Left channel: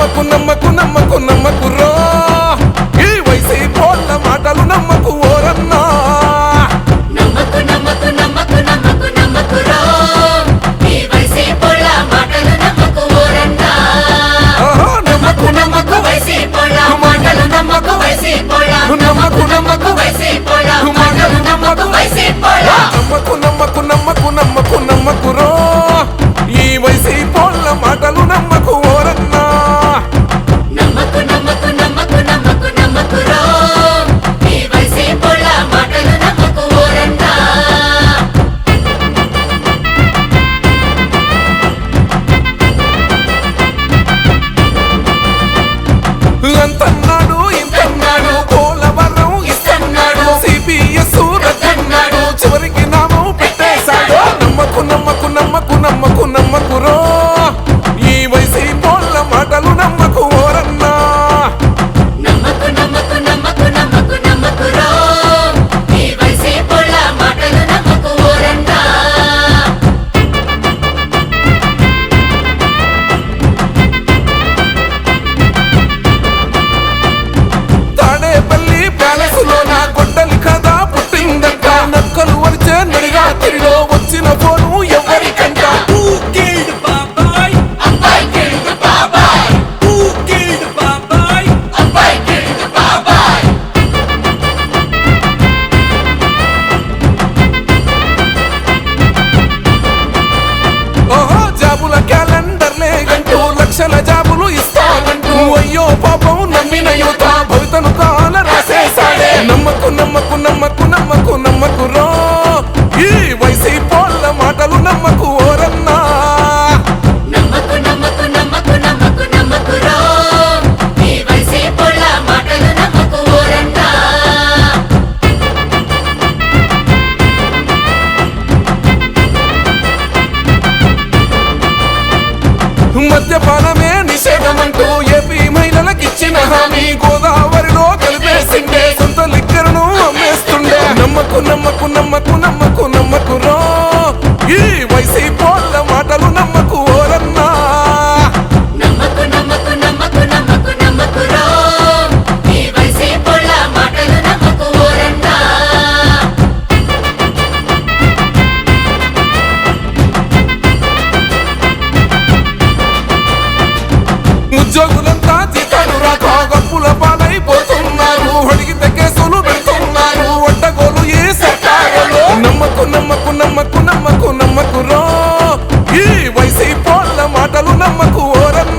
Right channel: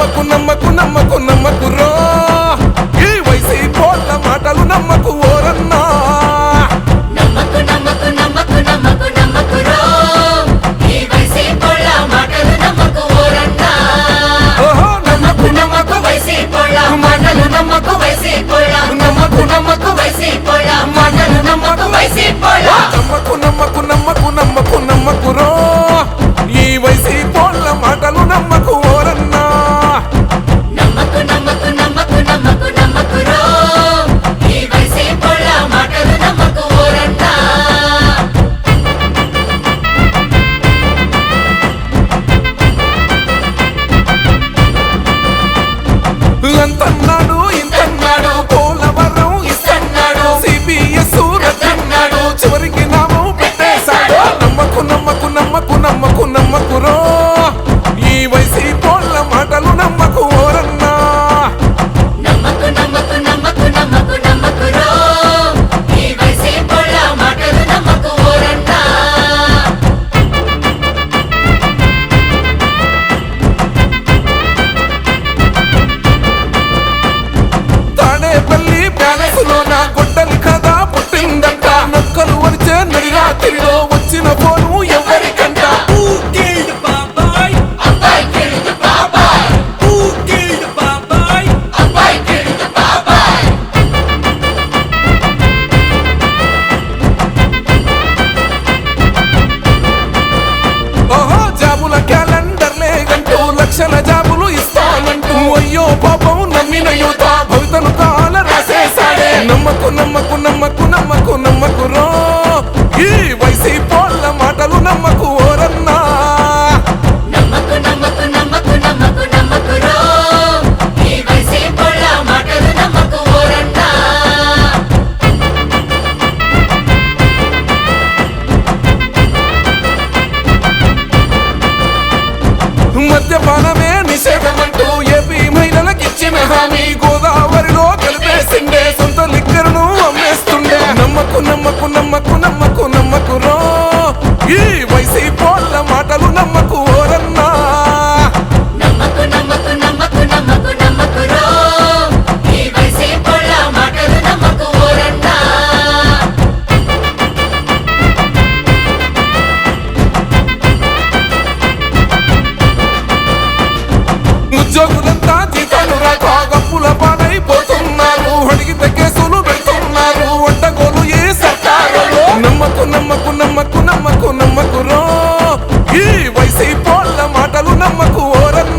నమ్మకు నమ్మకు నమ్మకు నమ్మకురో ఈ వైసీపోళ్ళ మాటలు నమ్మకు ఓరన్నా నమ్మకు నమ్మకు నమ్మకు నమ్మకు నమ్మకురో ఈ వైసీపోళ్ళ మాటలు నమ్మకు ఓరన్నా అంతన్నాడు ఇంతన్నాడు పోలవరం ఇస్తన్నాడు సిపిఎస్ రద్దన్నాడు చివరికి నామం పెట్టేశాడు నమ్మకు నమ్మకు నమ్మకు నమ్మకు నమ్మకురో ఈ వైసీపోళ్ళ మాటలు నమ్మకు ఓరన్నా తాడేపల్లి ప్యాలెస్లోన గొడ్డలి కథ పుట్టిందంట నక్కలు వరిచే నడి రాత్రిలో వచ్చిన ఫోను ఎవరికంట ఓహో జాబుల క్యాలెండర్ లేగంటూ లక్షల జాబులు ఇస్తానంటూ అయ్యో పాపం నమ్మిన యువత భవితను కాల రాసేసాడే నమ్మకు నమ్మకు నమ్మకు నమ్మకు నమ్మకురో ఈ వైసీపోళ్ళ మాటలు నమ్మకు ఓరన్నా మద్యపానమే నిషేధమంటూ ఏపీ మహిళలకిచ్చిన హామీ గోదావరిలో కలిపేసిండే సొంత లిక్కరును అమ్మేస్తుండే నమ్మకు నమ్మకు నమ్మకు నమ్మకు నమ్మకురో ఈ వైసీపోళ్ళ మాటలు నమ్మకు ఓరన్నా ఉద్యోగులంతా జీతాలు రాక గప్పుల పాలైపోతున్నారు అడిగితే కేసులు పెడుతున్నారు అడ్డగోలు ఏ సర్కారులో నమ్మకు నమ్మకు నమ్మకు నమ్మకు నమ్మకురో ఈ వైసీపోళ్ళ మాటలు నమ్మకు ఓరన్నా